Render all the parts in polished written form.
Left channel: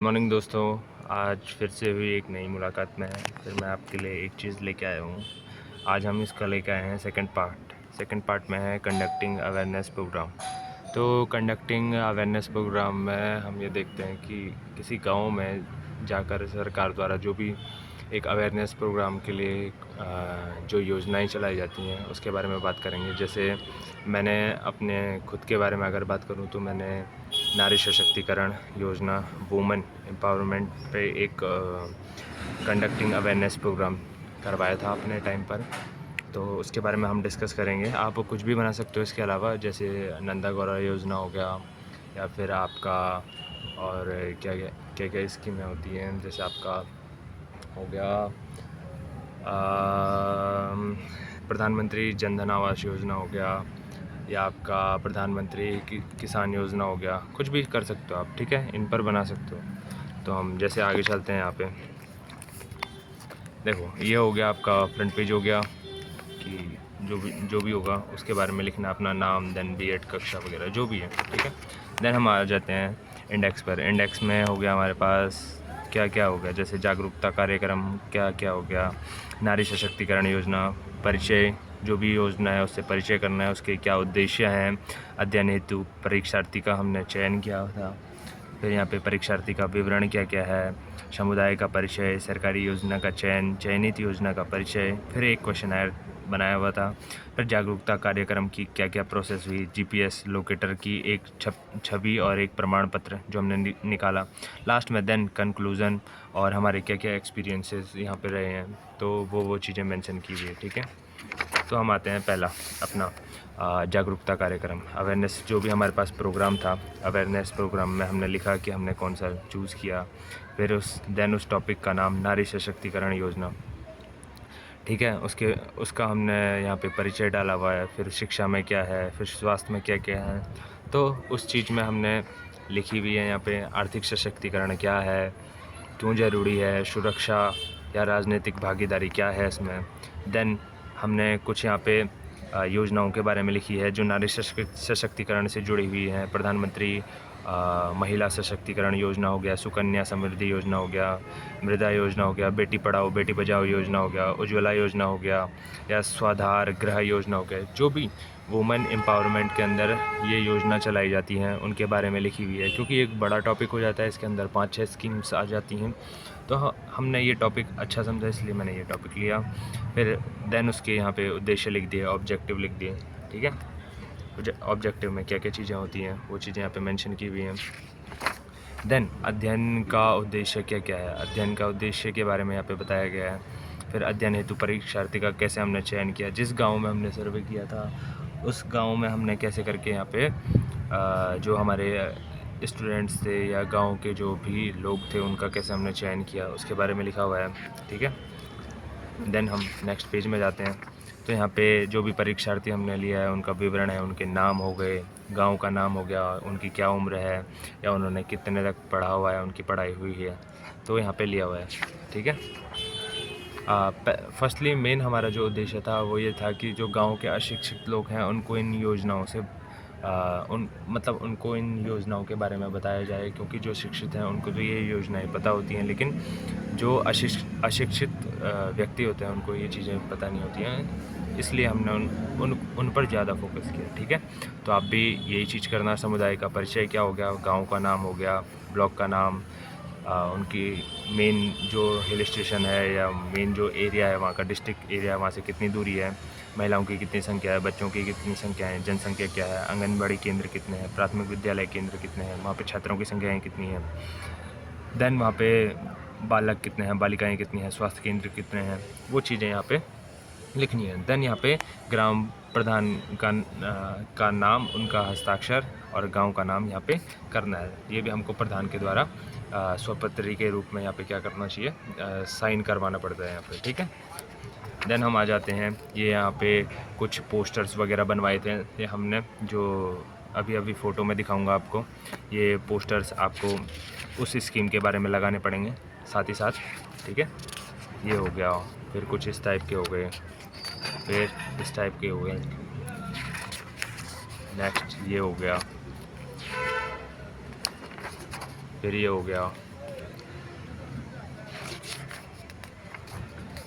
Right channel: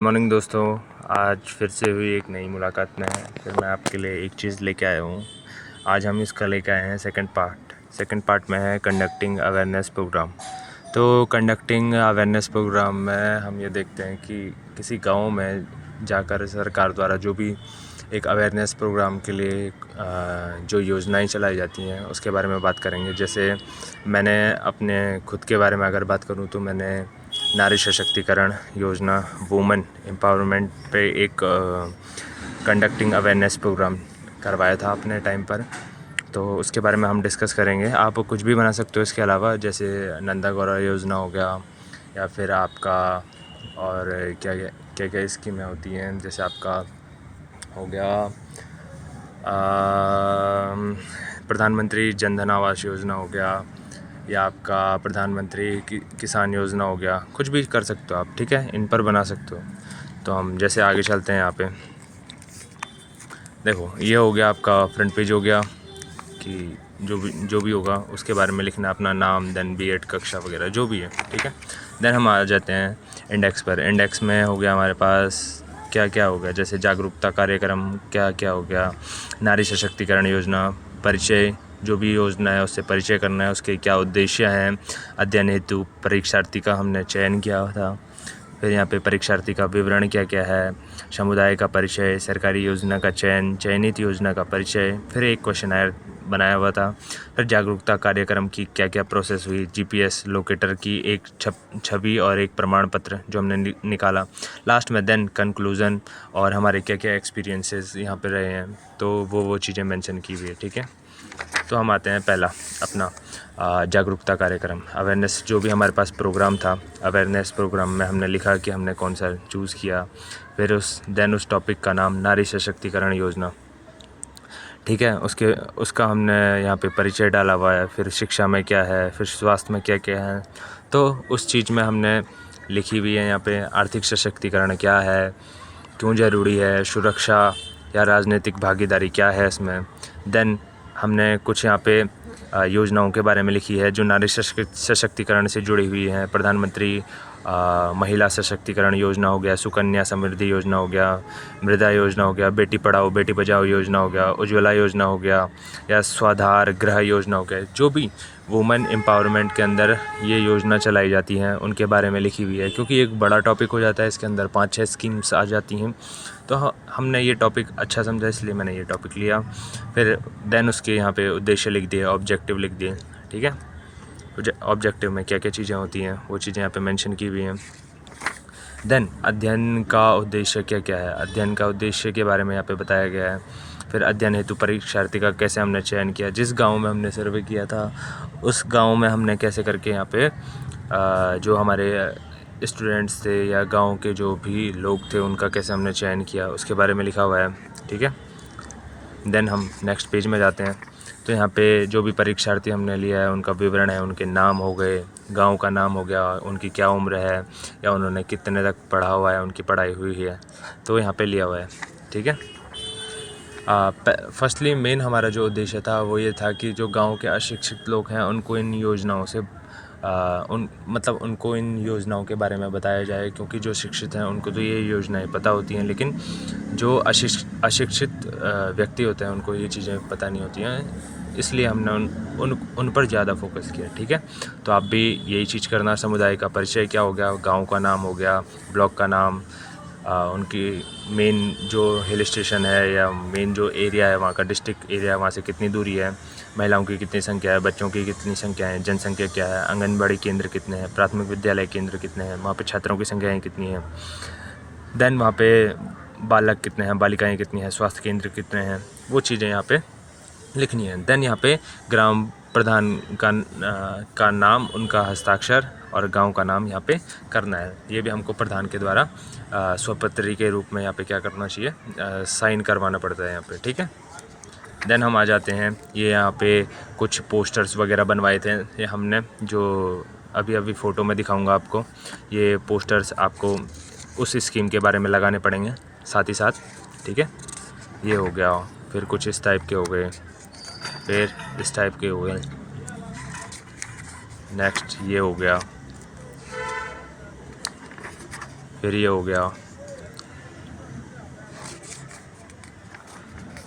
Morning दोस्तों। आज फिर से हुई एक नई मुलाकात में फिर मैं आपके लिए एक चीज़ लेके आया हूँ। आज हम इसका लेके आए हैं सेकंड पार्ट में है कंडक्टिंग अवेयरनेस प्रोग्राम। तो कंडक्टिंग अवेयरनेस प्रोग्राम में हम ये देखते हैं कि किसी गांव में जाकर सरकार द्वारा जो भी एक अवेयरनेस प्रोग्राम के लिए जो योजनाएं चलाई जाती हैं उसके बारे में बात करेंगे। जैसे मैंने अपने खुद के बारे में अगर बात करूं तो मैंने नारी सशक्तिकरण योजना वुमेन एम्पावरमेंट पे एक कंडक्टिंग अवेयरनेस प्रोग्राम करवाया था अपने टाइम पर। तो उसके बारे में हम डिस्कस करेंगे। आप कुछ भी बना सकते हो इसके अलावा, जैसे नंदा गौरा योजना हो गया या फिर आपका और क्या क्या क्या स्कीमें होती हैं। जैसे आपका हो गया प्रधानमंत्री जन धन आवास योजना हो गया या आपका प्रधानमंत्री किसान योजना हो गया। कुछ भी कर सकते हो आप, ठीक है, इन पर बना सकते हो। तो हम जैसे आगे चलते हैं। यहाँ पे देखो, ये हो गया आपका फ्रंट पेज हो गया कि जो भी होगा उसके बारे में लिखना, अपना नाम, देन बीएड कक्षा वगैरह जो भी है, ठीक है। देन हम आ जाते हैं इंडेक्स पर। इंडेक्स में हो गया हमारे पास क्या क्या हो गया, जैसे जागरूकता कार्यक्रम क्या क्या हो गया, नारी सशक्तिकरण योजना, परिचय, जो भी योजना है उससे परिचय करना है, उसके क्या उद्देश्य हैं, अध्ययन हेतु परीक्षार्थी का हमने चयन किया था। फिर यहाँ पे परीक्षार्थी का विवरण क्या क्या है, समुदाय का परिचय, सरकारी योजना का चयन, चयनित योजना का परिचय, फिर एक क्वेश्चनर बनाया हुआ था। फिर जागरूकता कार्यक्रम की क्या क्या प्रोसेस हुई, जीपीएस लोकेटर की एक छवि और एक प्रमाण पत्र जो हमने निकाला लास्ट में। देन कंक्लूज़न और हमारे क्या क्या एक्सपीरियंसेस यहाँ पे रहे हैं, तो वो चीज़ें मेंशन की हुई है, ठीक है। तो हम आते हैं पहला अपना जागरूकता कार्यक्रम, अवेयरनेस। जो भी हमारे पास प्रोग्राम था, अवेयरनेस प्रोग्राम में हमने लिखा कि हमने कौन सा चूज़ किया। फिर उस टॉपिक का नाम नारी सशक्तिकरण योजना, ठीक है। उसका हमने यहाँ पे परिचय डाला हुआ है। फिर शिक्षा में क्या है, फिर स्वास्थ्य में क्या क्या है, तो उस चीज़ में हमने लिखी हुई है। यहाँ पे आर्थिक सशक्तिकरण क्या है, क्यों ज़रूरी है, सुरक्षा या राजनीतिक भागीदारी क्या है इसमें। देन हमने कुछ यहाँ पे योजनाओं के बारे में लिखी है जो नारी सशक्तिकरण से जुड़ी हुई हैं। प्रधानमंत्री महिला सशक्तिकरण योजना हो गया, सुकन्या समृद्धि योजना हो गया, मृदा योजना हो गया, बेटी पढ़ाओ बेटी बचाओ योजना हो गया, उज्ज्वला योजना हो गया, या स्वाधार गृह योजना हो गया। जो भी वुमेन एम्पावरमेंट के अंदर ये योजना चलाई जाती हैं उनके बारे में लिखी हुई है, क्योंकि एक बड़ा टॉपिक हो जाता है, इसके अंदर 5-6 स्कीम्स आ जाती हैं। तो हमने ये टॉपिक अच्छा समझा, इसलिए मैंने ये टॉपिक लिया। फिर देन उसके यहाँ पे उद्देश्य लिख दिए, ऑब्जेक्टिव लिख दिए, ठीक है। ऑब्जेक्टिव में क्या क्या चीज़ें होती हैं वो चीज़ें यहाँ पे मेंशन की हुई हैं। देन अध्ययन का उद्देश्य क्या क्या है, अध्ययन का उद्देश्य के बारे में यहाँ पे बताया गया है। फिर अध्ययन हेतु परीक्षार्थी का कैसे हमने चयन किया, जिस गांव में हमने सर्वे किया था उस गांव में हमने कैसे करके यहाँ पे जो हमारे स्टूडेंट्स थे या गांव के जो भी लोग थे उनका कैसे हमने चयन किया, उसके बारे में लिखा हुआ है, ठीक है। देन हम नेक्स्ट पेज में जाते हैं। तो यहाँ पे जो भी परीक्षार्थी हमने लिया है उनका विवरण है, उनके नाम हो गए, गांव का नाम हो गया, उनकी क्या उम्र है या उन्होंने कितने तक पढ़ा हुआ है, उनकी पढ़ाई हुई है, तो यहाँ पे लिया हुआ है, ठीक है। फर्स्टली मेन हमारा जो उद्देश्य था वो ये था कि जो गांव के अशिक्षित लोग हैं उनको इन योजनाओं से उनको इन योजनाओं के बारे में बताया जाए, क्योंकि जो शिक्षित हैं उनको तो ये योजनाएं पता होती हैं, लेकिन जो अशिक्षित व्यक्ति होते हैं उनको ये चीज़ें पता नहीं होती हैं, इसलिए हमने उन पर ज़्यादा फोकस किया, ठीक है। तो आप भी यही चीज़ करना। समुदाय का परिचय क्या हो गया, गांव का नाम हो गया, ब्लॉक का नाम, उनकी मेन जो हिल स्टेशन है या मेन जो एरिया है वहाँ का डिस्ट्रिक्ट एरिया, वहाँ से कितनी दूरी है, महिलाओं की कितनी संख्या है, बच्चों की कितनी संख्या है, जनसंख्या क्या है, आंगनबाड़ी केंद्र कितने हैं, प्राथमिक विद्यालय केंद्र कितने हैं, वहाँ पे छात्रों की संख्याएँ कितनी हैं, देन वहाँ पे बालक कितने हैं, बालिकाएँ कितनी हैं, स्वास्थ्य केंद्र कितने हैं, वो चीज़ें यहाँ पे लिखनी है। देन यहाँ पे ग्राम प्रधान का नाम, उनका हस्ताक्षर और गांव का नाम यहाँ पे करना है। ये भी हमको प्रधान के द्वारा स्वपत्री के रूप में यहाँ पे क्या करना चाहिए, साइन करवाना पड़ता है यहाँ पे, ठीक है। देन हम आ जाते हैं, ये यहाँ पे कुछ पोस्टर्स वगैरह बनवाए थे ये हमने, जो अभी फ़ोटो में दिखाऊंगा आपको। ये पोस्टर्स आपको उस स्कीम के बारे में लगाने पड़ेंगे साथ ही साथ, ठीक है। ये हो गया, फिर कुछ इस टाइप के हो गए, फिर इस टाइप के हो गए, नेक्स्ट ये हो गया, फिर ये हो गया,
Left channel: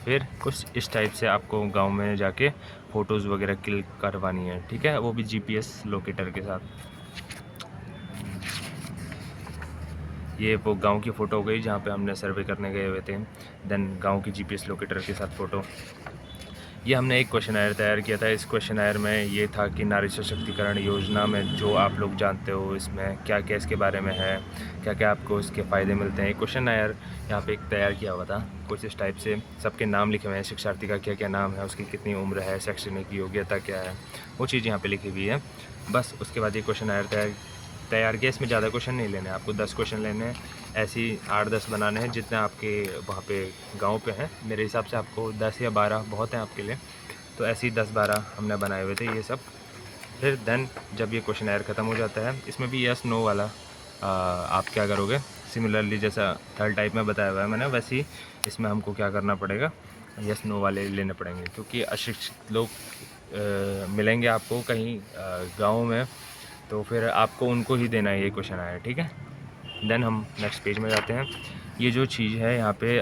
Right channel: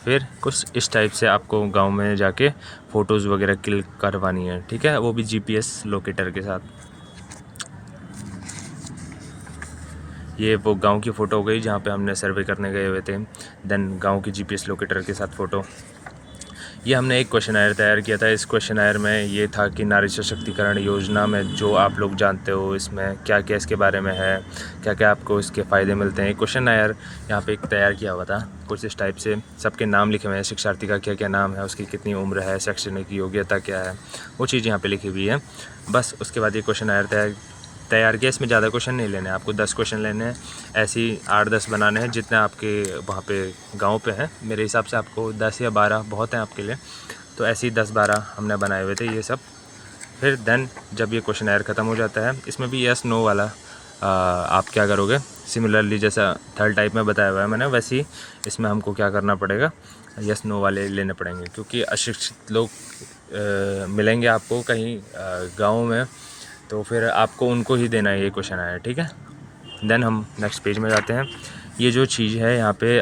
फिर कुछ इस टाइप से आपको गांव में जाके फ़ोटोज़ वगैरह क्लिक करवानी है, ठीक है, वो भी जीपीएस लोकेटर के साथ। ये वो गांव की फ़ोटो हो गई जहाँ पे हमने सर्वे करने गए हुए थे। देन गांव की जीपीएस लोकेटर के साथ फ़ोटो। ये हमने एक क्वेश्चनायर तैयार किया था। इस क्वेश्चनायर में ये था कि नारी सशक्तिकरण योजना में जो आप लोग जानते हो इसमें क्या क्या इसके बारे में है, क्या क्या आपको इसके फ़ायदे मिलते हैं। क्वेश्चनायर यहाँ पे एक तैयार किया हुआ था कुछ इस टाइप से, सबके नाम लिखे हुए हैं, शिक्षार्थी का क्या क्या नाम है, उसकी कितनी उम्र है, शैक्षणिक योग्यता क्या है, वो चीज़ यहाँ पर लिखी हुई है। बस उसके बाद ये क्वेश्चनायर तैयार किया। इसमें ज़्यादा क्वेश्चन नहीं लेने हैं आपको, 10 क्वेश्चन लेने हैं, ऐसे ही 8-10 बनाने हैं जितने आपके वहाँ पे गांव पे हैं। मेरे हिसाब से आपको 10 या 12 बहुत हैं आपके लिए, तो ऐसे ही 10-12 हमने बनाए हुए थे ये सब। फिर देन जब ये क्वेश्चनायर ख़त्म हो जाता है, इसमें भी यस नो वाला आप क्या करोगे, सिमिलरली जैसा थर्ड टाइप में बताया हुआ है मैंने, वैसे ही इसमें हमको क्या करना पड़ेगा, यस नो वाले लेने पड़ेंगे, क्योंकि अशिक्षित लोग मिलेंगे आपको कहीं गाँव में, तो फिर आपको उनको ही देना है ये क्वेश्चन आया, ठीक है। देन हम नेक्स्ट पेज में जाते हैं। ये जो चीज़ है यहाँ पे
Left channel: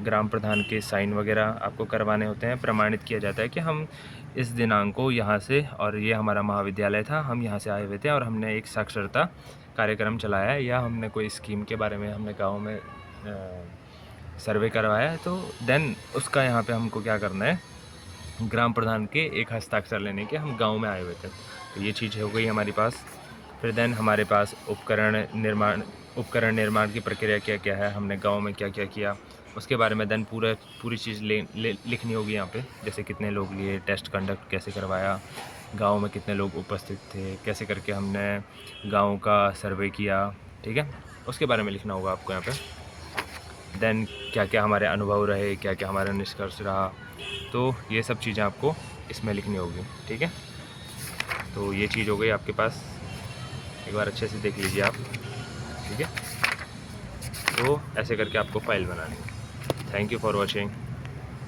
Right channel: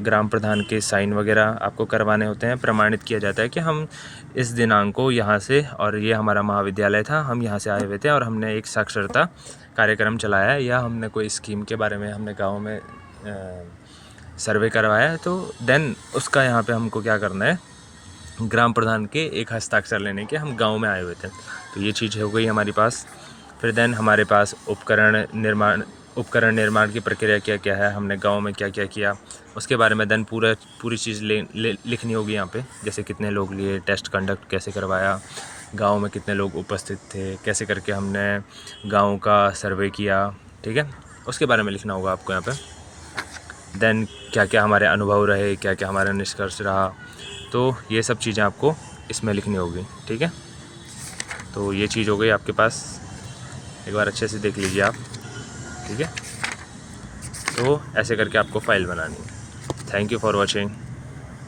ग्राम प्रधान के साइन वगैरह आपको करवाने होते हैं, प्रमाणित किया जाता है कि हम इस दिनांक को यहाँ से, और ये हमारा महाविद्यालय था, हम यहाँ से आए हुए थे और हमने एक साक्षरता कार्यक्रम चलाया है, या हमने कोई स्कीम के बारे में हमने गाँव में सर्वे करवाया है, तो देन उसका यहाँ पर हमको क्या करना है, ग्राम प्रधान के एक हस्ताक्षर लेने के हम गांव में आए हुए थे। तो ये चीज़ हो गई हमारे पास। फिर देन हमारे पास उपकरण निर्माण की प्रक्रिया क्या क्या है, हमने गांव में क्या क्या किया, उसके बारे में देन पूरी चीज़ लिखनी होगी यहाँ पे। जैसे कितने लोग लिए, टेस्ट कंडक्ट कैसे करवाया, गांव में कितने लोग उपस्थित थे, कैसे करके हमने गांव का सर्वे किया, ठीक है, उसके बारे में लिखना होगा आपको यहाँ पे। देन क्या क्या हमारे अनुभव रहे, क्या क्या हमारा निष्कर्ष रहा, तो ये सब चीज़ें आपको इसमें लिखनी होगी, ठीक है। तो ये चीज़ हो गई आपके पास, एक बार अच्छे से देख लीजिए आप, ठीक है। तो ऐसे करके आपको फ़ाइल बनानी है। Thank you for watching.